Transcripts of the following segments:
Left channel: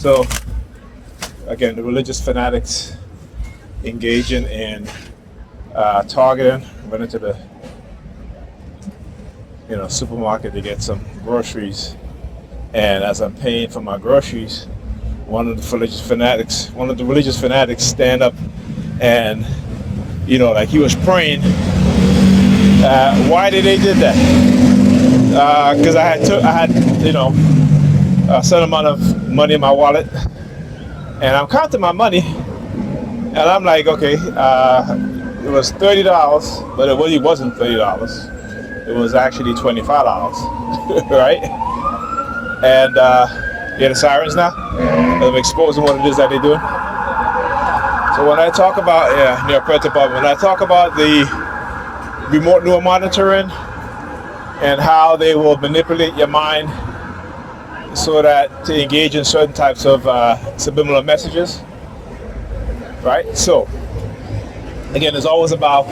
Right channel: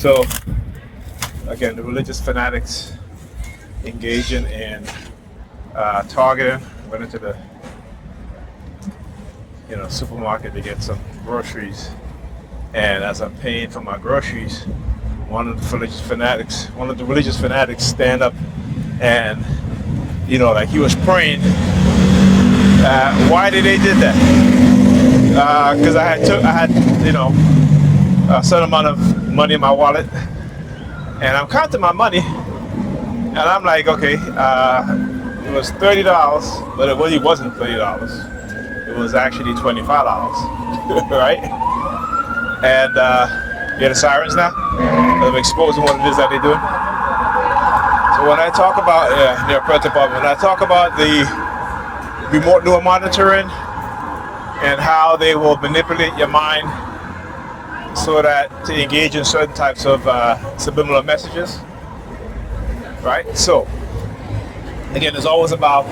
So again, the religious fanatics engaging in targeting. Went into the supermarket to get some groceries, and as I'm paying for my groceries, one of the religious fanatics stand up and like he was praying. Why did they did that? Because I had a certain amount of money in my wallet, and I'm counting my money, and I'm like, okay, it was $30, but it really wasn't $30. It was actually $25, right? And you hear the sirens now of exposing what it is that they're doing. So when I talk about when I talk about the remote door monitoring and how they will manipulate your mind so that to engage in certain types of subliminal messages, right? So again, it's always about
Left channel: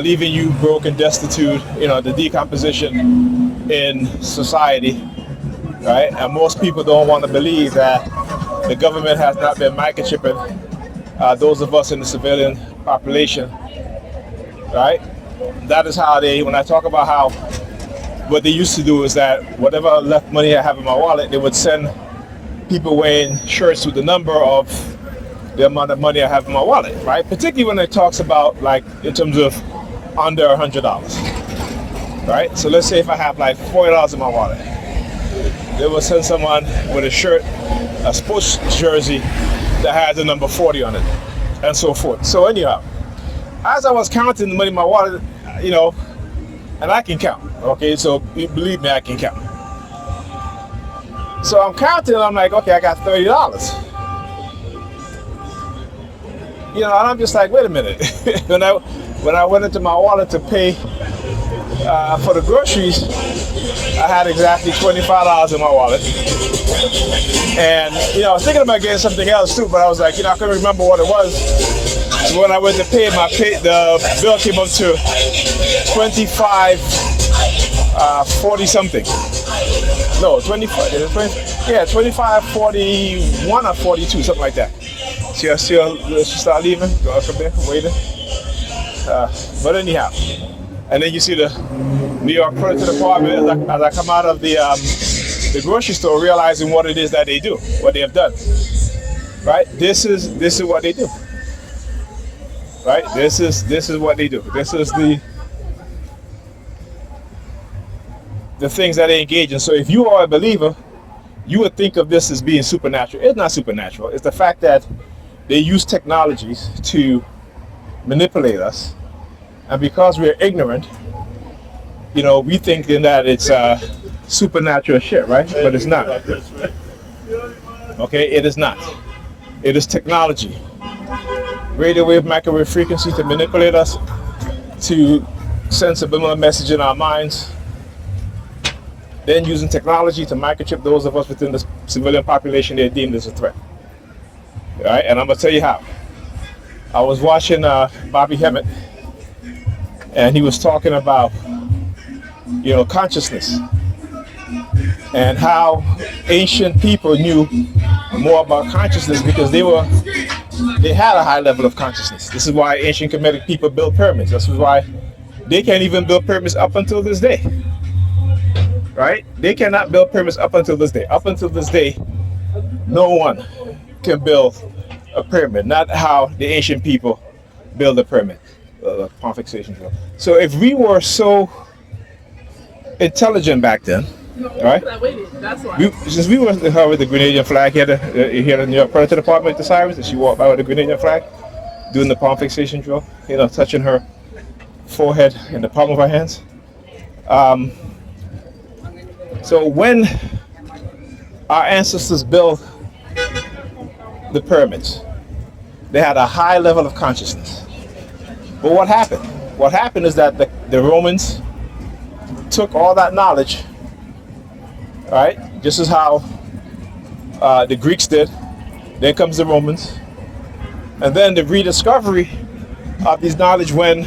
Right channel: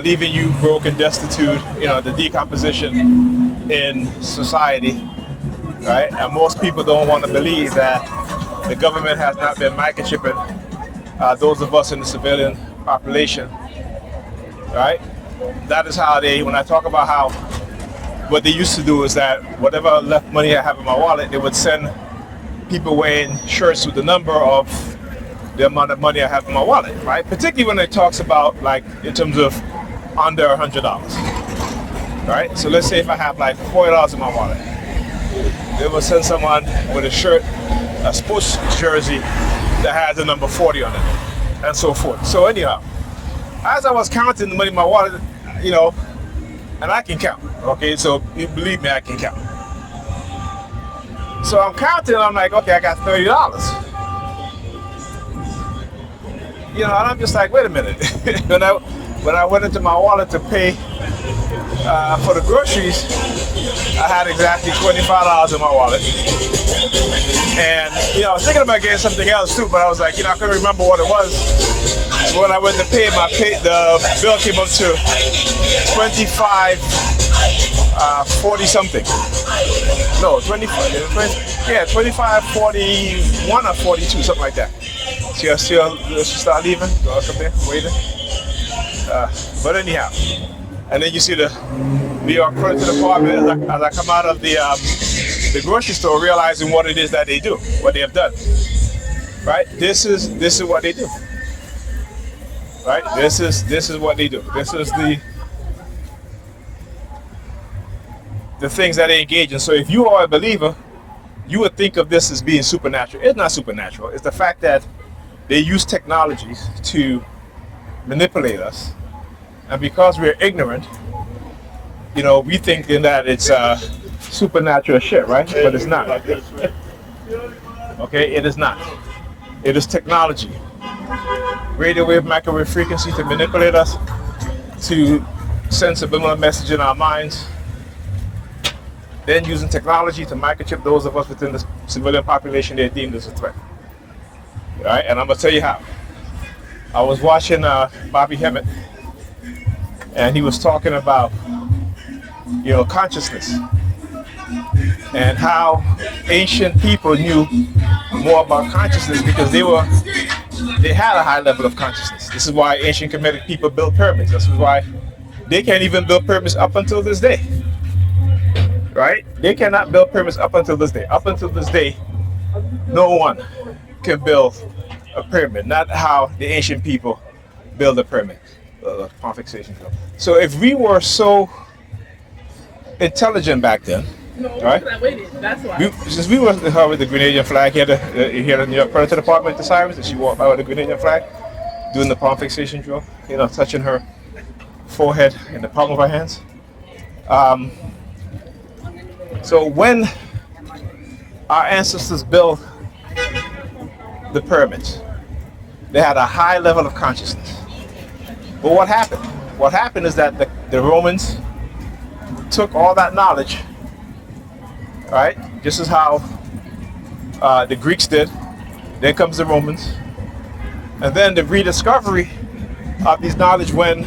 leaving you broke and destitute, the decomposition in society, right? And most people don't want to believe that the government has not been microchipping those of us in the civilian population, right? That is how when I talk about how what they used to do is that whatever left money I have in my wallet, they would send people wearing shirts with the number of the amount of money I have in my wallet, right? Particularly when it talks about like in terms of under $100, right? So let's say if I have like $40 in my wallet, they will send someone with a shirt, a sports jersey that has the number 40 on it, and so forth. So anyhow, as I was counting the money in my wallet, and I can count, okay? So believe me, I can count. So I'm counting, I'm like, okay, I got $30. And I'm just like, wait a minute. when I went into my wallet to pay for the groceries, I had exactly $25 in my wallet. And I was thinking about getting something else too, but I was like, I couldn't remember what it was. So when I went to pay, the bill came up to 40 something. No, 25.41 or 42, something like that. She start leaving, go up there, waiting. But anyhow, and then you see the New York Police Department as I come out of the grocery store, realizing what it is that they do, what they have done. Right? This is what they do. Right? This is what they do. This is the things that they engage in. So if you are a believer, you would think of this as being supernatural. It's not supernatural. It's the fact that they use technologies to manipulate us, and because we're ignorant, we think that it's supernatural shit, right? But it's not. Okay, it is not. It is technology, radio wave, microwave frequency, to manipulate us, to send subliminal message in our minds, then using technology to microchip those of us within the civilian population they're deemed as a threat. All right, and I'm gonna tell you how. I was watching Bobby Hemmett, and he was talking about consciousness and how ancient people knew more about consciousness because they had a high level of consciousness. This is why ancient Kemetic people built pyramids. This is why they can't even build pyramids up until this day. Right? They cannot build pyramids up until this day. Up until this day, no one can build a pyramid. Not how the ancient people build a pyramid. Fixation drill. So if we were so intelligent back then, right? That's why. Since we were with the Grenadian flag here, the New York Police Department, the sirens, and she walked out with the Grenadian flag, doing the palm fixation drill, touching her forehead in the palm of her hands. So when our ancestors built the pyramids, they had a high level of consciousness. But what happened? What happened is that the Romans took all that knowledge, right? Just as how the Greeks did. Then comes the Romans. And then the rediscovery of this knowledge when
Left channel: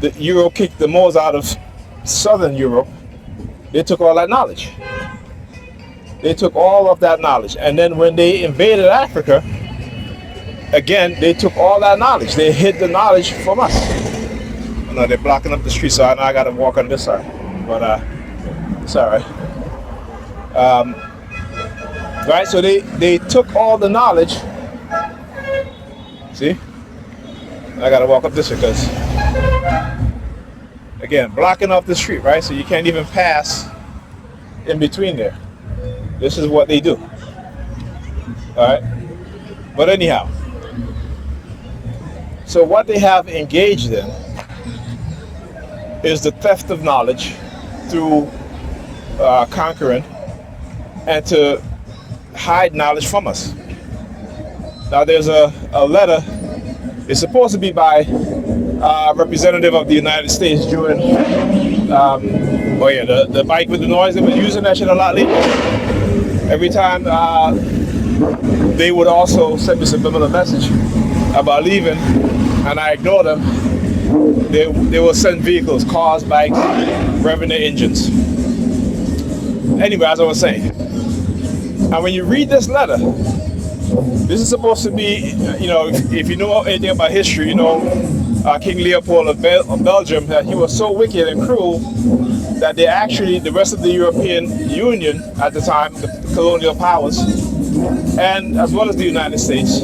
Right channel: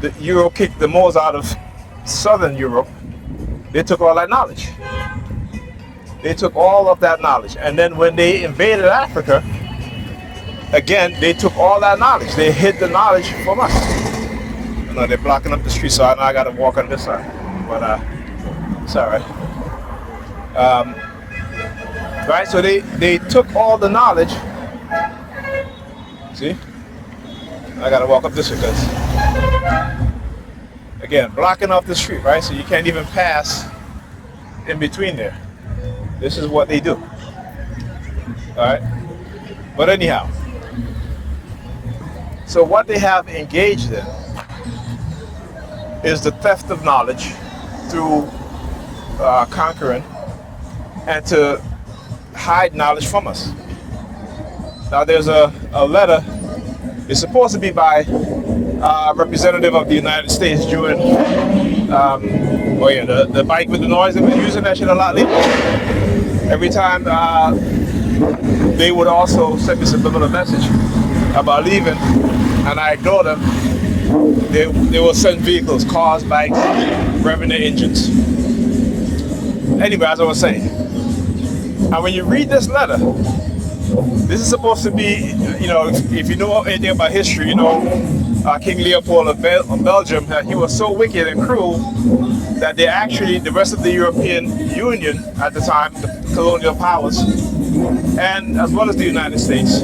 the Europe kicked the Moors out of southern Europe. They took all that knowledge. They took all of that knowledge. And then when they invaded Africa, again, they took all that knowledge. They hid the knowledge from us. No, they're blocking up the street, so now I gotta walk on this side. But it's all right. Right, so they took all the knowledge. See? I gotta walk up this way because, again, blocking off the street, right? So you can't even pass in between there. This is what they do. All right? But anyhow, so what they have engaged in is the theft of knowledge through conquering and to hide knowledge from us. Now there's a letter, it's supposed to be by a representative of the United States during, the bike with the noise, they've been using that shit a lot lately. Every time they would also send me a subliminal message about leaving, and I ignore them. They will send vehicles, cars, bikes, revving their engines. Anyway, as I was saying, and when you read this letter, this is supposed to be, if you know anything about history, King Leopold of Belgium, that he was so wicked and cruel that they actually, the rest of the European Union at the time, the colonial powers, and as well as the United States,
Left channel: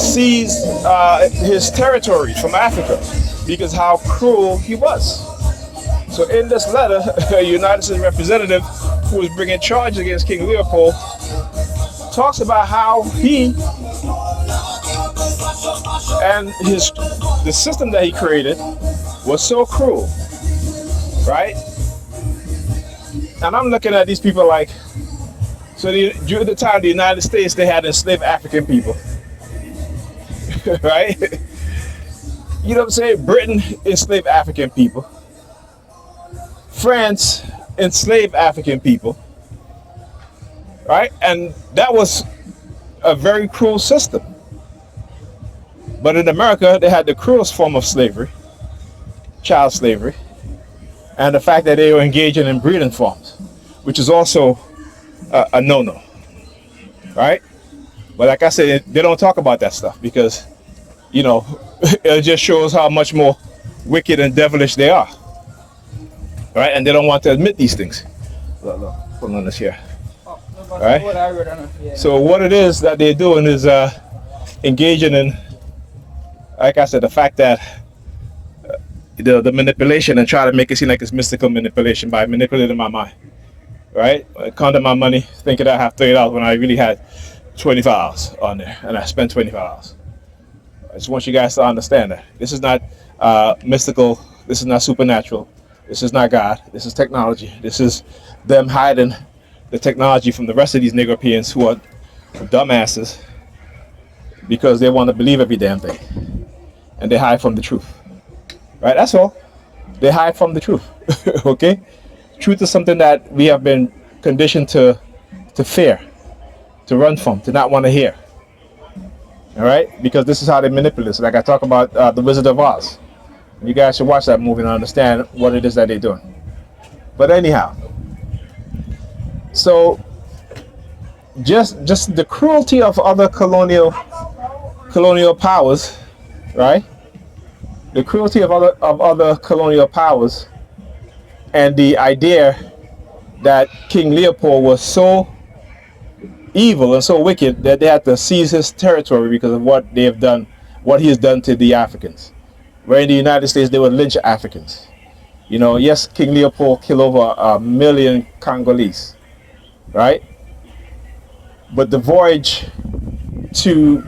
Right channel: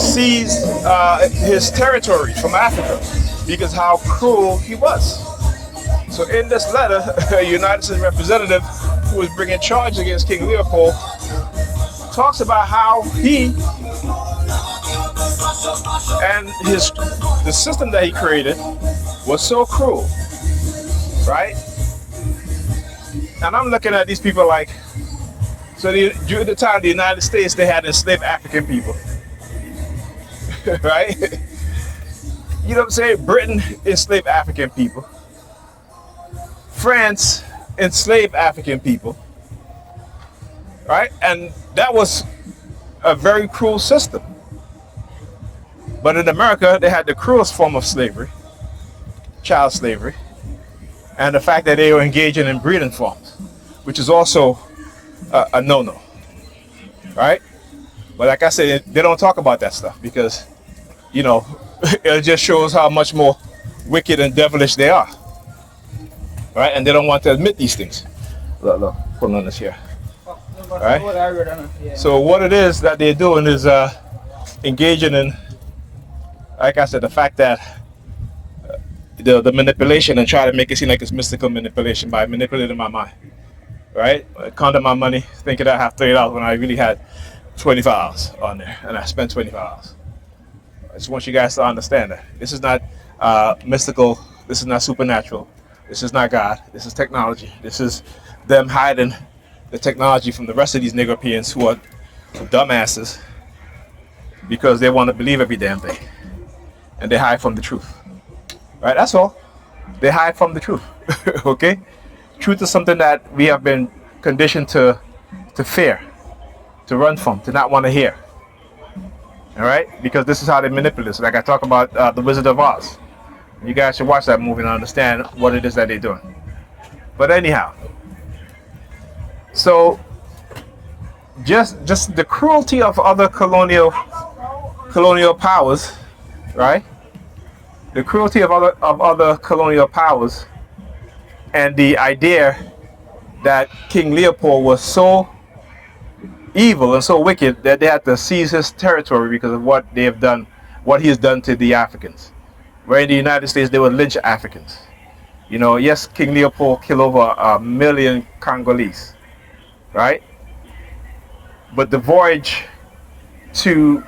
seized his territory from Africa because how cruel he was. So in this letter, a United States representative who was bringing charges against King Leopold talks about how he and the system that he created was so cruel, right? And I'm looking at these people like, so during the time of the United States, they had enslaved African people, right? You know what I'm saying? Britain enslaved African people. France enslaved African people, right? And that was a very cruel system. But in America, they had the cruelest form of slavery, child slavery, and the fact that they were engaging in breeding farms, which is also a no-no, right? But like I said, they don't talk about that stuff because, it just shows how much more wicked and devilish they are, right? And they don't want to admit these things. Look, put on this here. Right? So what it is that they're doing is engaging in, like I said, the fact that the manipulation and try to make it seem like it's mystical manipulation by manipulating my mind, right? I counted my money thinking I have $30 when I really had $25 on there, and I spent $25. I just want you guys to understand that this is not mystical, this is not supernatural, this is not God, this is technology. This is them hiding the technology from the rest of these Negropeans who are dumbasses because they want to believe every damn thing, and they hide from the truth, right? That's all. They hide from the truth. Okay, truth is something that we have been conditioned to fear, to run from, to not want to hear. All right, because this is how they manipulate us. Like I talk about the Wizard of Oz. You guys should watch that movie and understand what it is that they're doing. But anyhow, so just the cruelty of other colonial powers, right? The cruelty of other colonial powers, and the idea that King Leopold was so evil and so wicked that they had to seize his territory because of what they have done, what he has done to the Africans. Where in the United States they would lynch Africans. Yes, King Leopold killed over 1 million Congolese, right? But the voyage to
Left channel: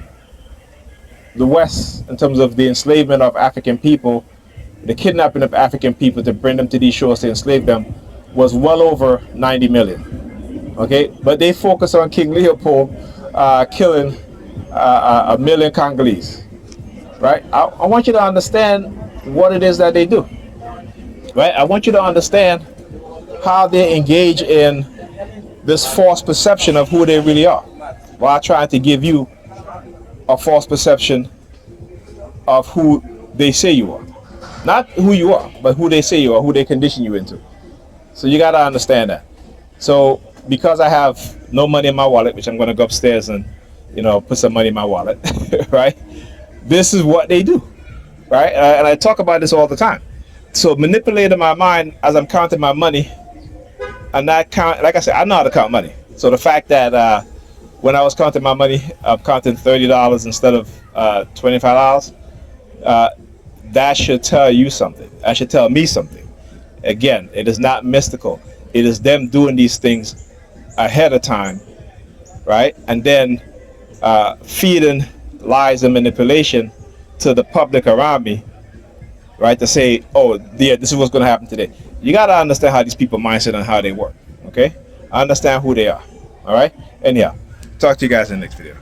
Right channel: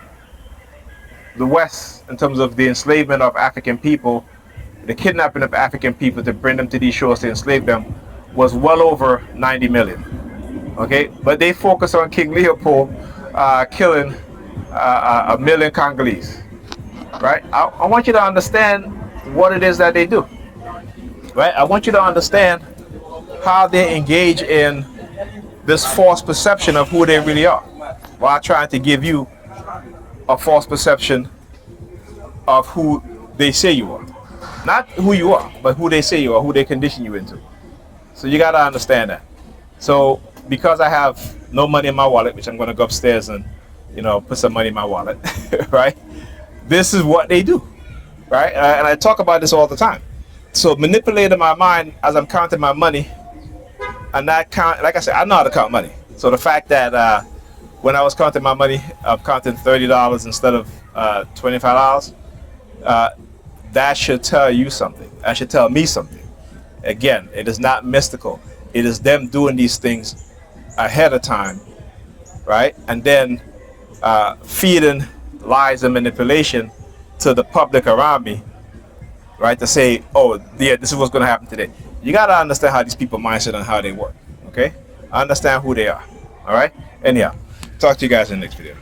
the West in terms of the enslavement of African people, the kidnapping of African people to bring them to these shores to enslave them, was well over 90 million. Okay, but they focus on King Leopold killing 1 million Congolese, right? I want you to understand what it is that they do, right? I want you to understand how they engage in this false perception of who they really are, while trying to give you a false perception of who they say you are. Not who you are, but who they say you are, who they condition you into. So you got to understand that. So because I have no money in my wallet, which I'm going to go upstairs and, put some money in my wallet, right? This is what they do, right? And I talk about this all the time. So manipulating my mind as I'm counting my money, and not count. Like I said, I know how to count money. So the fact that when I was counting my money, I'm counting $30 instead of $25. That should tell you something. That should tell me something. Again, it is not mystical. It is them doing these things ahead of time, right? And then feeding lies and manipulation to the public around me, right? To say, oh, yeah, this is what's going to happen today. You got to understand how these people mindset and how they work, okay? Understand who they are, all right? Anyhow, talk to you guys in the next video.